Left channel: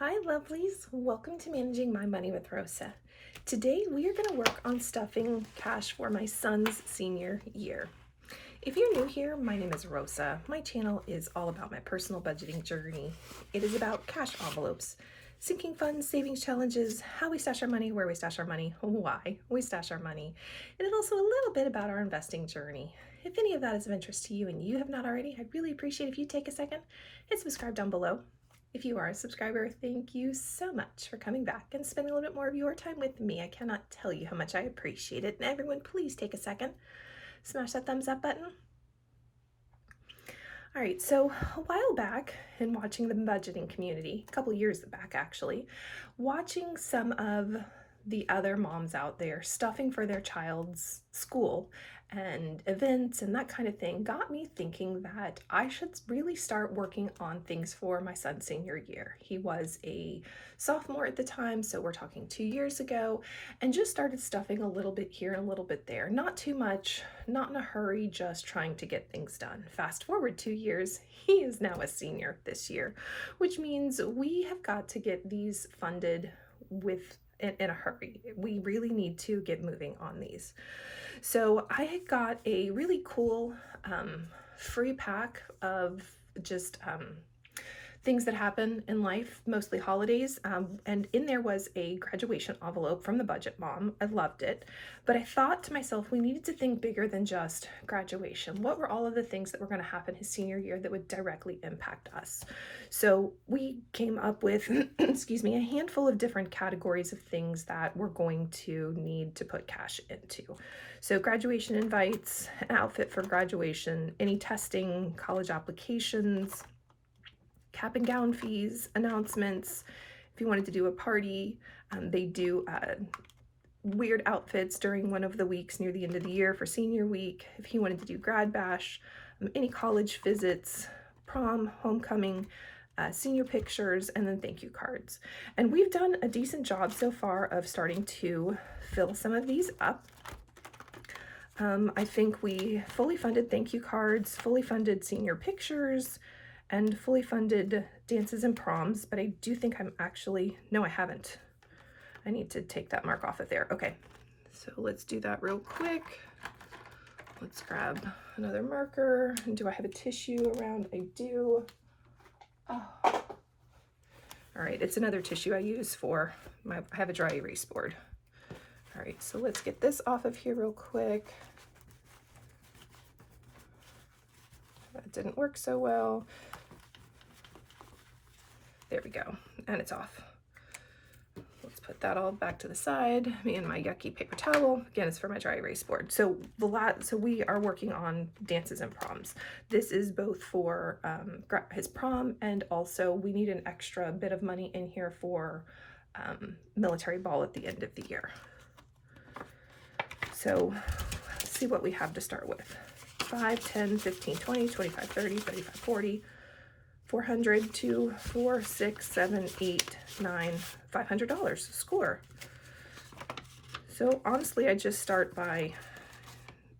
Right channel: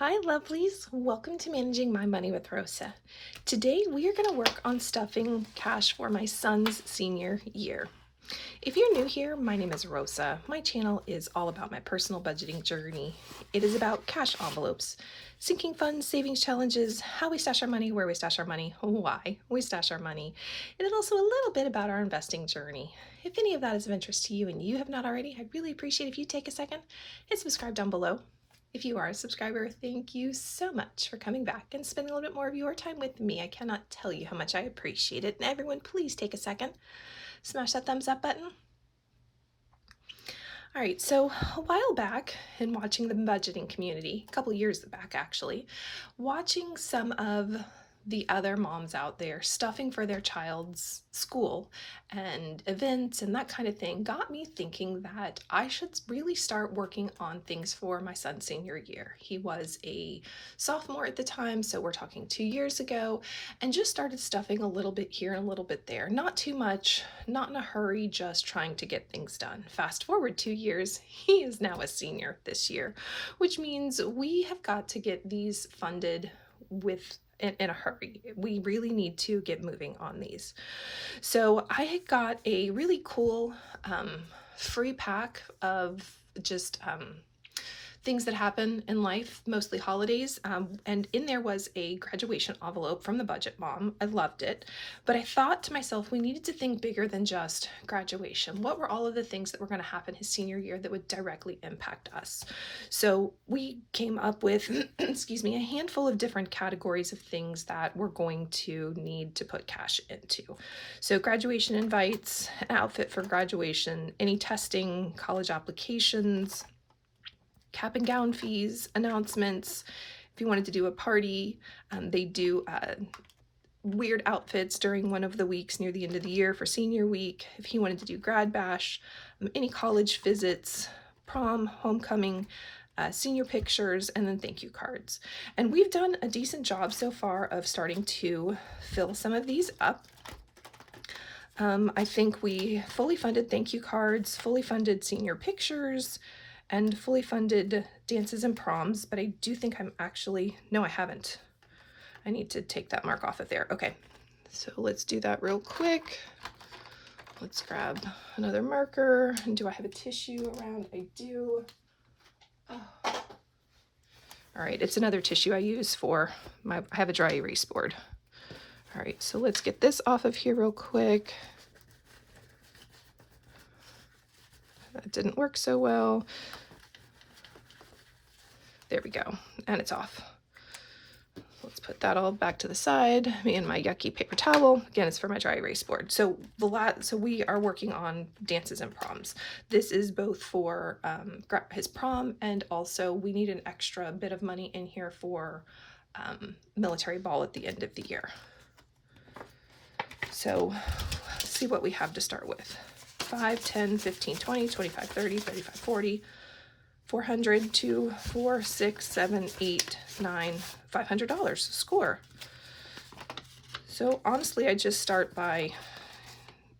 Hi lovelies, welcome to Managing My Money with Rosa. Today we are going to work on stuffing cash for my son's senior year. If you're new here, my name is Rosa. My channel is all about my personal budgeting journey. It is about cash envelopes, sinking funds, savings challenges, how we stash our money, where we stash our money, why we stash our money, and it's also a little bit about our investing journey. If any of that is of interest to you and you have not already, I'd really appreciate if you take a second and subscribe down below. If you are a subscriber, thank you so much for coming back and spending a little bit more of your time with me. I cannot tell you how much I appreciate it. And everyone, please take a second, smash that thumbs up button. All right, so a while back in watching the budgeting community, a couple years back actually, watching some of the other moms out there stuffing for their child's school and events and that kind of thing got me thinking that I should really start working on things for my son's senior year. He was a sophomore at the time, so we're talking 2 years ago, and just started stuffing a little bit here and a little bit there. Not too much, not in a hurry, just trying to get things done. Fast forward 2 years, he is now a senior this year, which means we have got to get these funded in a hurry. We really need to get moving on these. So I got a really cool free pack of just things that happen in life, mostly holidays, and in there was a graduation envelope from the Budget Mom. I loved it, but I thought to myself, we needed to think bigger than just graduation. What were all of the things that were going to happen his senior year that would directly impact us? So we came up with, excuse me, a handful of different categories of things that we're going to need to put cash into. So graduation invites, an outfit for graduation, any testing, college applications, cap and gown fees, announcements. If you wanted to do a party, they do weird outfits during one of the weeks near the end of the year for senior week. If he wanted to do grad bash, any college visits, prom, homecoming, senior pictures, and then thank you cards. And we've done a decent job so far of starting to fill some of these up. I think we fully funded thank you cards, fully funded senior pictures, and fully funded dances and proms, but I do think I'm actually, no, I haven't. I need to take that mark off of there. Okay, so let's do that real quick. Let's grab another marker. And do I have a tissue around? I do. Oh. All right, it's another tissue I use for I have a dry erase board. All right, so let's get this off of here real quick. That didn't work so well. There we go, and it's off. Let's put that all back to the side. Me and my yucky paper towel. Again, it's for my dry erase board. So we are working on dances and proms. This is both for his prom, and also we need an extra bit of money in here for military ball at the end of the year. So let's see what we have to start with. 5, 10, 15, 20, 25, 30, 35, 40, 400, 2, 4, 6, 7, 8, 9, $500. Score. So honestly, I just start by,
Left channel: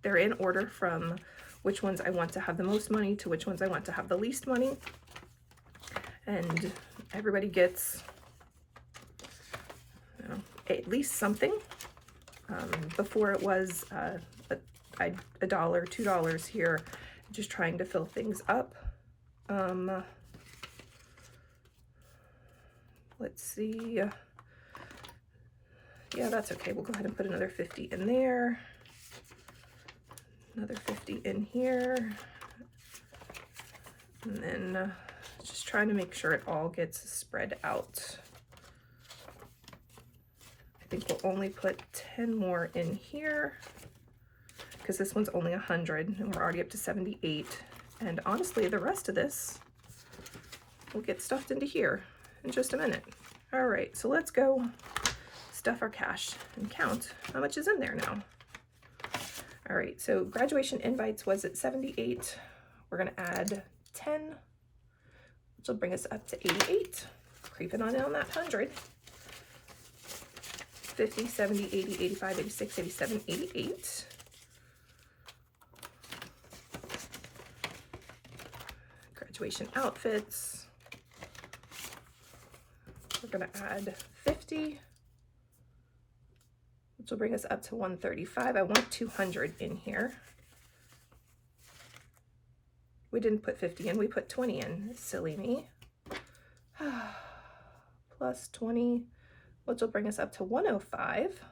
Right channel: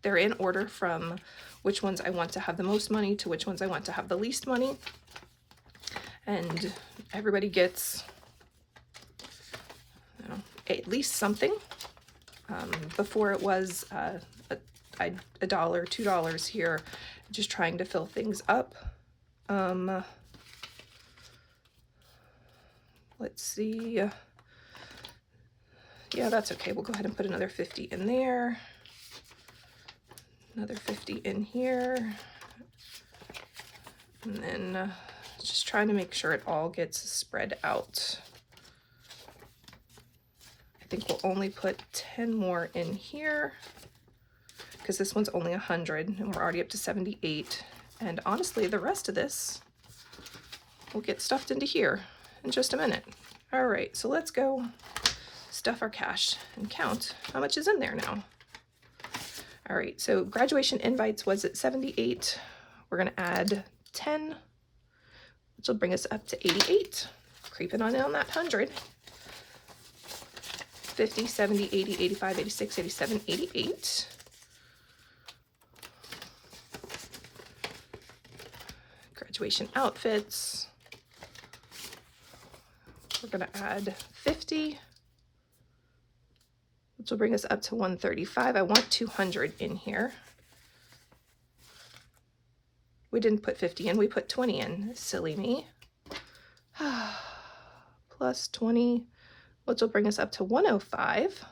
they're in order from which ones I want to have the most money to which ones I want to have the least money. And everybody gets, you know, at least something. Before it was $1, $2 here, just trying to fill things up. Let's see. Yeah, that's okay. We'll go ahead and put another 50 in there. Another 50 in here. And then just trying to make sure it all gets spread out. I think we'll only put 10 more in here because this one's only 100 and we're already up to 78. And honestly, the rest of this will get stuffed into here in just a minute. All right, so let's go stuff our cash and count how much is in there now. All right, so graduation invites was at 78. We're gonna add 10, which will bring us up to 88. Creeping on that 100. 50, 70, 80, 85, 86, 87, 88. Graduation outfits. We're going to add 50, which will bring us up to 135. I want 200 in here. We didn't put 50 in, we put 20 in. Silly me. Plus 20, which will bring us up to 105.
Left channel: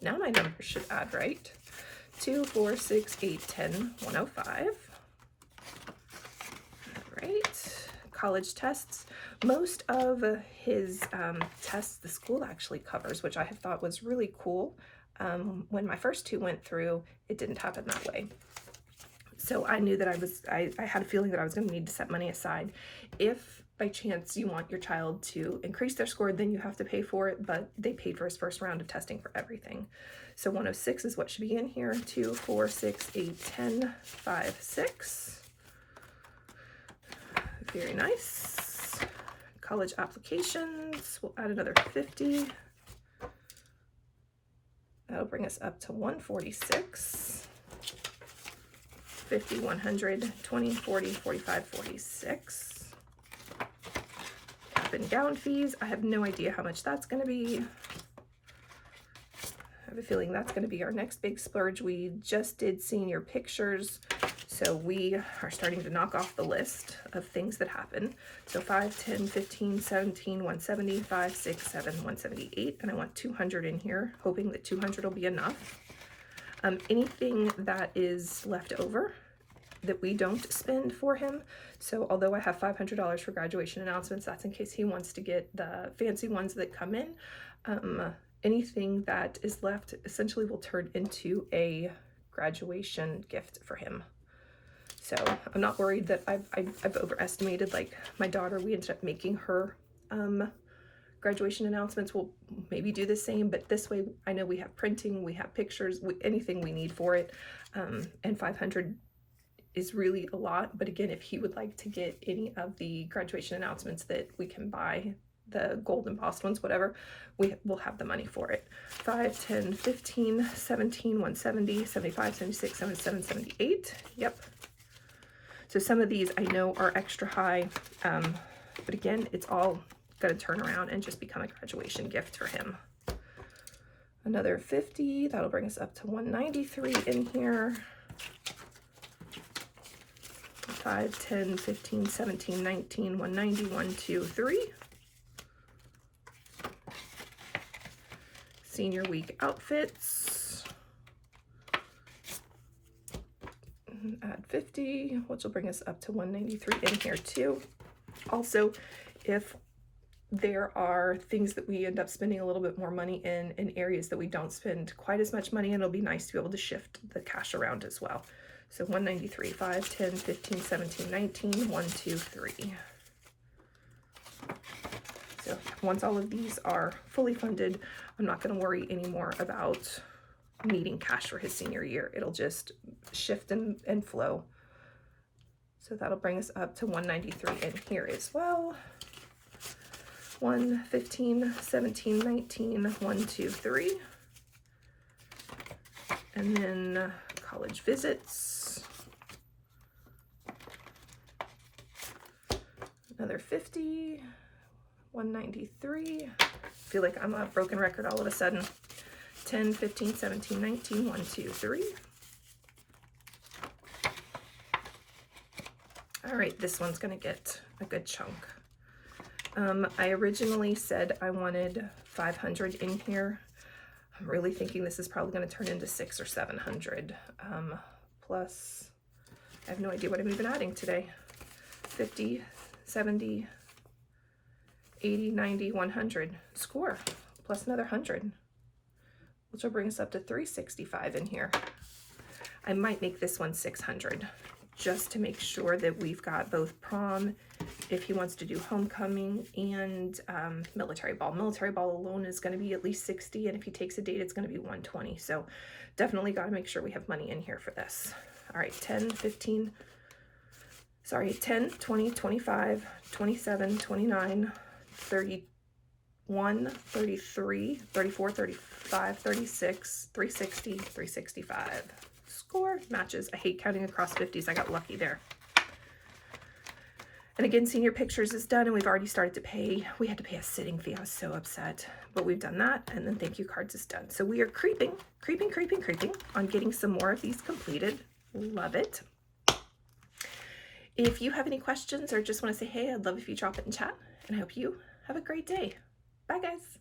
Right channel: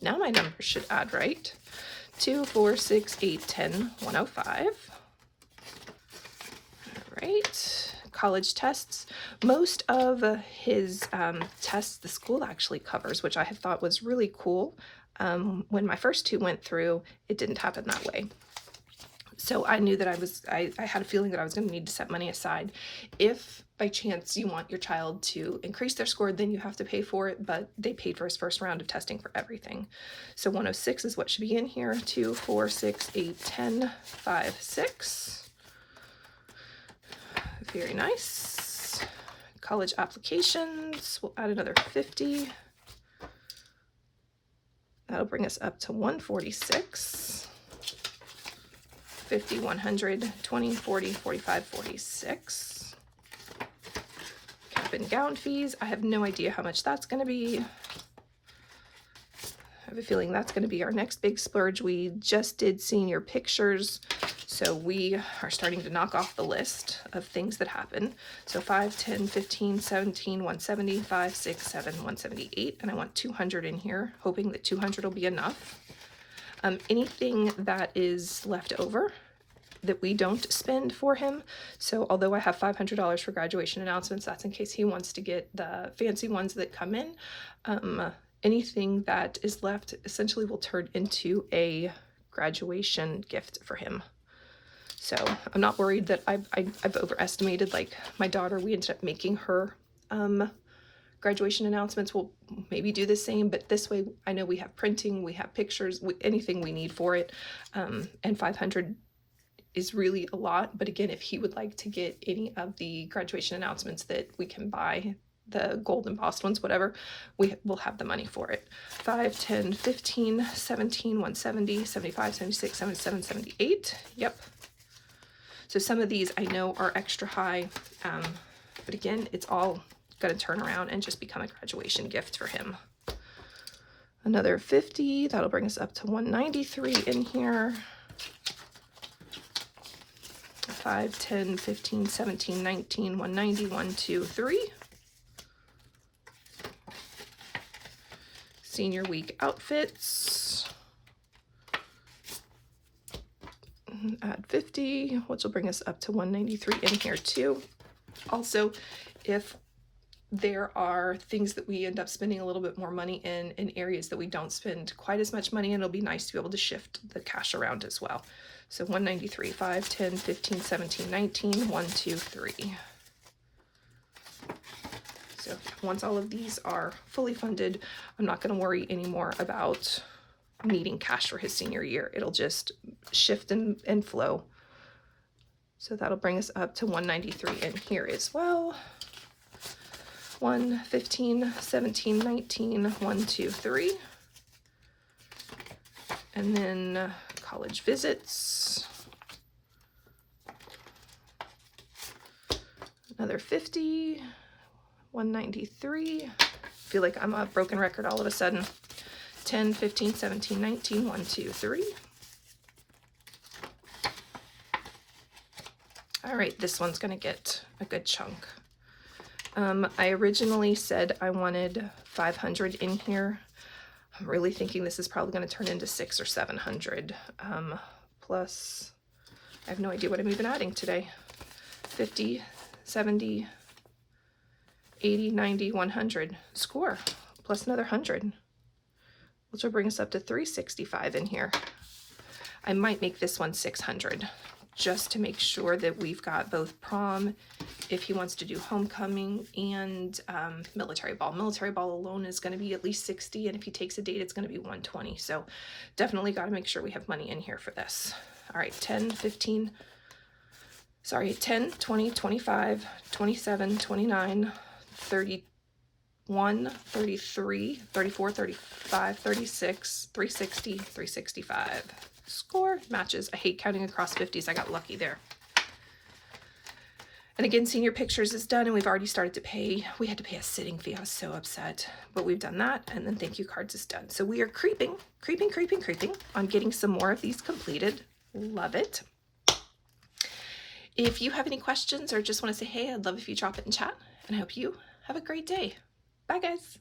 Now my numbers should add right. 2, 4, 6, 8, 10, 105. All right. College tests. Most of his tests the school actually covers, which I have thought was really cool. When my first two went through, it didn't happen that way. So I knew that I had a feeling that I was going to need to set money aside. If by chance you want your child to increase their score, then you have to pay for it, but they paid for his first round of testing for everything. So 106 is what should be in here. 2, 4, 6, 8, 10, 5, 6. Very nice. College applications, we'll add another 50. That'll bring us up to 146. 50, 100, 20, 40, 45, 46. Cap and gown fees. I have no idea how much that's going to be. I have a feeling that's going to be our next big splurge. We just did senior pictures, so we are starting to knock off the list of things that happen. So 5, 10, 15, 17, 170, 5, 6, 7, 178, and I want 200 in here, hoping that 200 will be enough. Anything that is left over that we don't spend for him. So although I have $500 for graduation announcements, that's in case he wants to get the fancy ones that come in. Anything that is left essentially will turn into a graduation gift for him. So I'm not worried that I've overestimated. Like my daughter, we ended up making her graduation announcements. We'll maybe do the same, but this way I know we have printing, we have pictures, anything we need for it. And 500 is really a lot. But again, if he would like to get any of the graduation announcements that we can buy, the gold embossed ones, whatever, we will have the money for it. 5, 10, 15, 17, 170, 75, 76, 77, 78. Yep. So some of these I know are extra high, but again, it's all going to turn around and just become a graduation gift for him. Another 50, that'll bring us up to 193 in here. 5, 10, 15, 17, 19, 190, 1, 2, 3. Senior week outfits. Add 50, which will bring us up to 193 in here too. Also, if there are things that we end up spending a little bit more money in areas that we don't spend quite as much money in, it'll be nice to be able to shift the cash around as well. So 193, 5, 10, 15, 17, 19, 1, 2, 3. So once all of these are fully funded, I'm not going to worry anymore about needing cash for his senior year. It'll just shift and flow. So that'll bring us up to 193 in here as well. 1, 15, 17, 19, 1, 2, 3. And then college visits. Another 50, 193. I feel like I'm a broken record all of a sudden. 10, 15, 17, 19, 1, 2, 3. All right, this one's gonna get a good chunk. I originally said I wanted 500 in here. I'm really thinking this is probably gonna turn into 600 or 700. Plus, I have no idea what I'm even adding today. 50, 70, 80, 90, 100. Score, plus another 100. Which will bring us up to 365 in here. I might make this one 600 just to make sure that we've got both prom, if he wants to do homecoming, and military ball. Military ball alone is going to be at least 60, and if he takes a date, it's going to be 120. So definitely got to make sure we have money in here for this. All right, 10, 15, sorry, 10, 20, 25, 27, 29, 31, 33, 34, 35, 36, 360, 365. Score matches. I hate counting across 50s. I got lucky there. And again, senior pictures is done, and we've already started to pay. We had to pay a sitting fee. I was so upset, but we've done that. And then thank you cards is done. So we are creeping on getting some more of these completed. Love it. If you have any questions or just want to say, hey, I'd love if you drop it in chat, and I hope you have a great day. Bye, guys.